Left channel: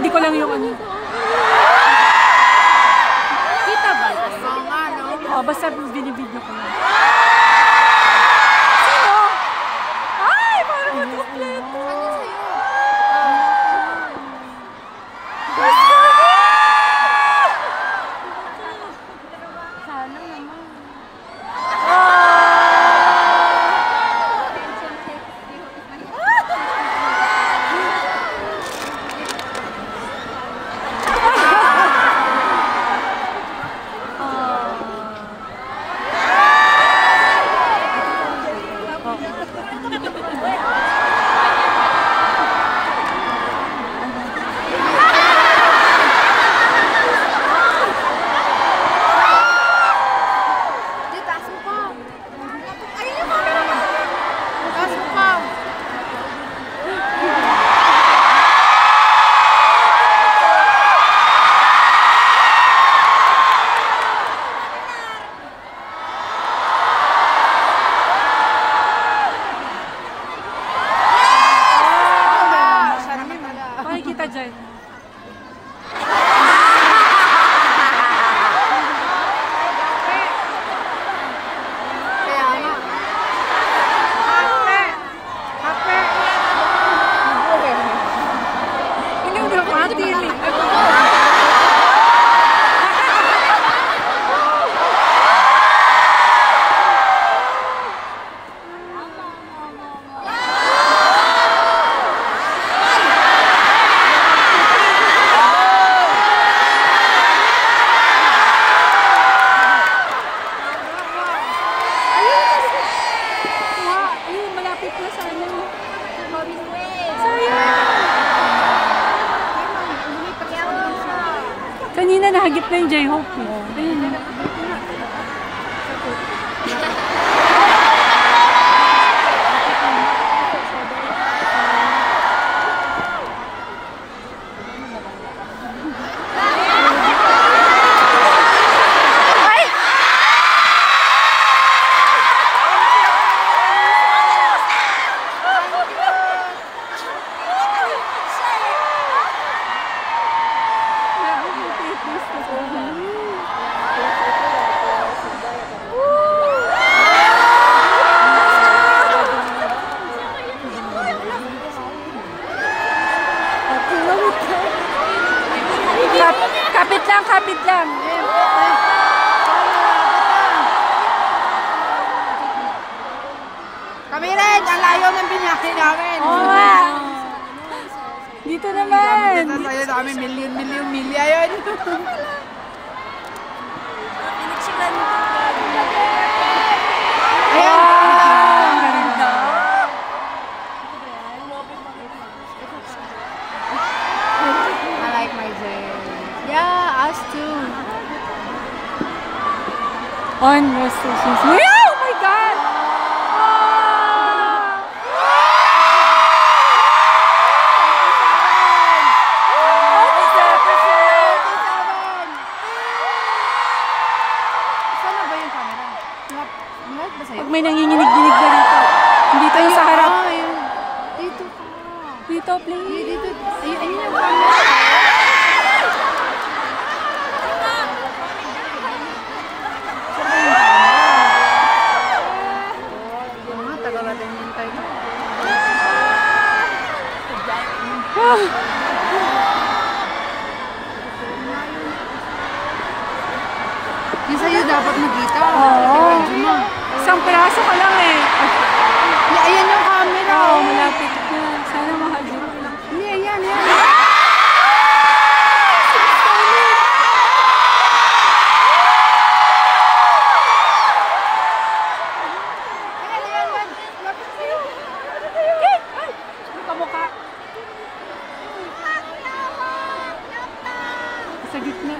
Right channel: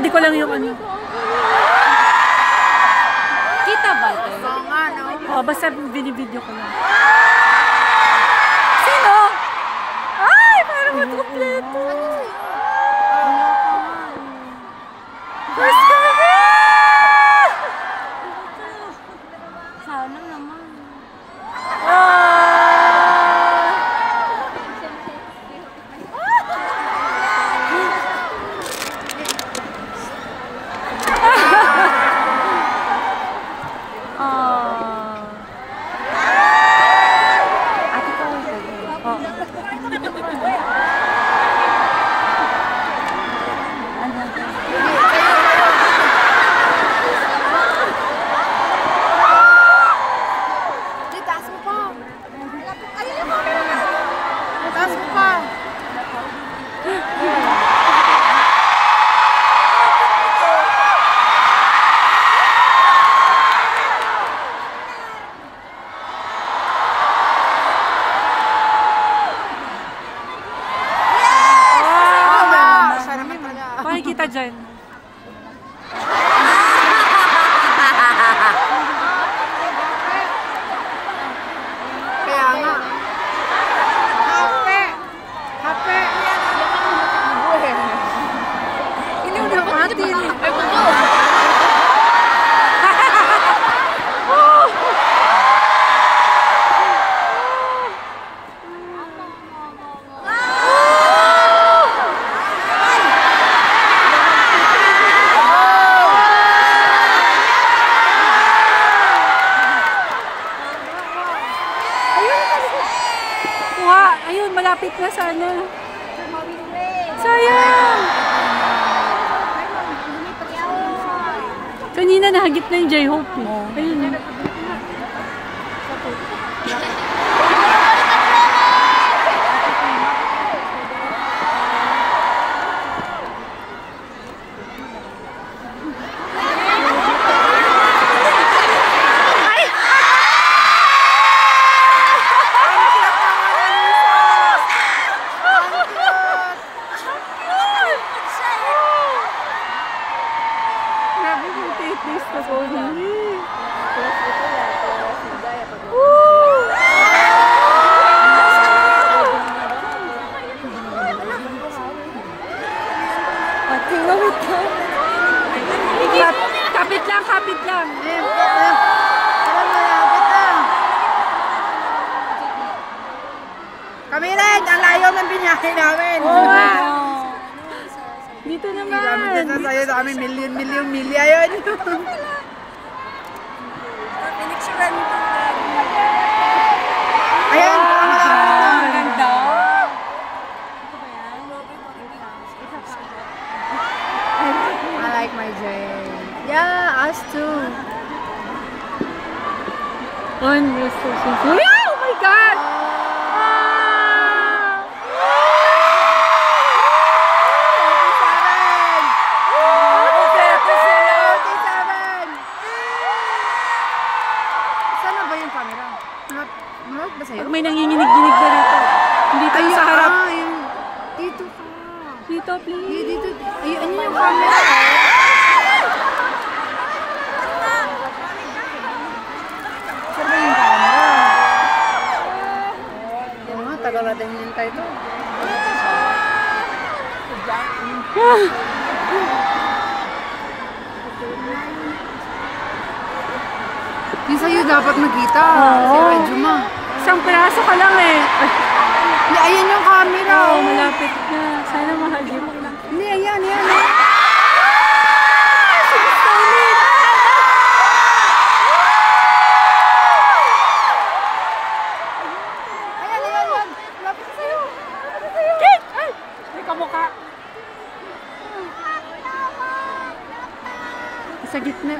ready ko lang yung ano. Kita ba? Oo, basta binibidyo ko lang. Sino? Ay, parang mag-kompleto. First kami! Sana naman. Kita dyan. Malapit na sana. Sayang! Kanina nahagip na yung J-Hope eh. Ayun. Kapit lang. Kami rin, ang layo ng binyahe namin. Oo nga. Dito naman. Dito tayo sa amin, milya yun. Ayan. I like my J. Yeah, us too. One, two, three. Oh my God! Sana ba yung camera? Mulot ba sa'yo? Pag may nanginginig-ginig na rito. Dito sa harap. Dito ka. Dito, please. Dito. Ayun yung camera. Tagal natin yung tayo ito. Yung sa'yo dapat magkita. Oo. Isang piraso ka lang eh. Ayan yung camera. Oo, malapit na. Sana mahagip. Hindi, ayan. Sa gitna.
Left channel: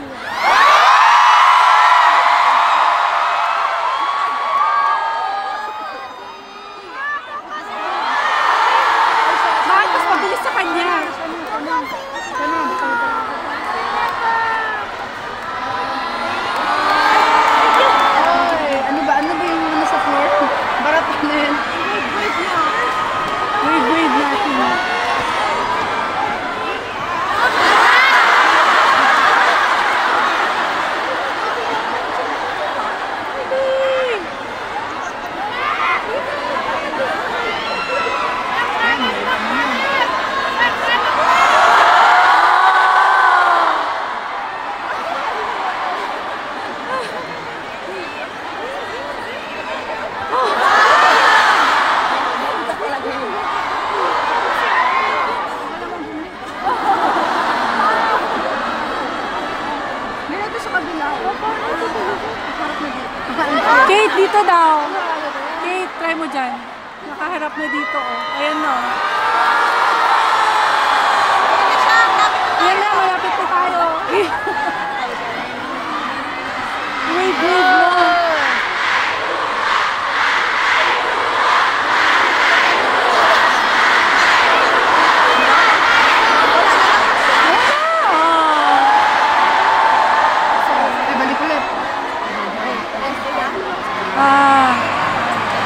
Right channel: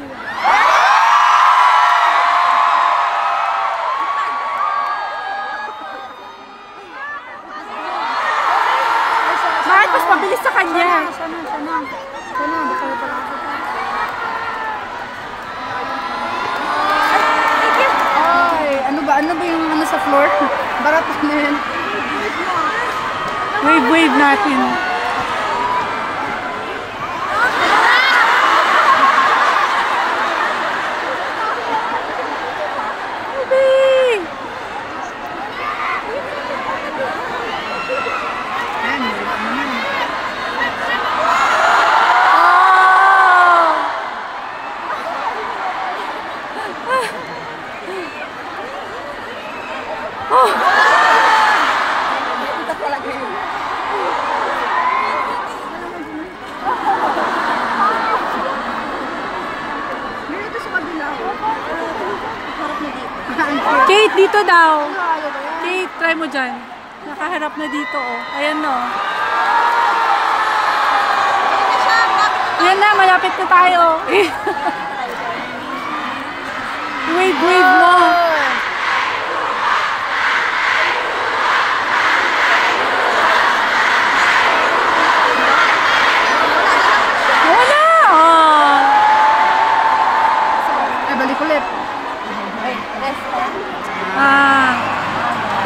Bakit mas mabilis sa kanya? Ano ba yung ano sa floor? Barat na yan. Wave natin. Wave dito daw. Okay, try mo dyan. Nakaharap na dito, oh. Ayan, no. Ayan na, malapit na tayo. Wave mo. Balik ulit. Ah.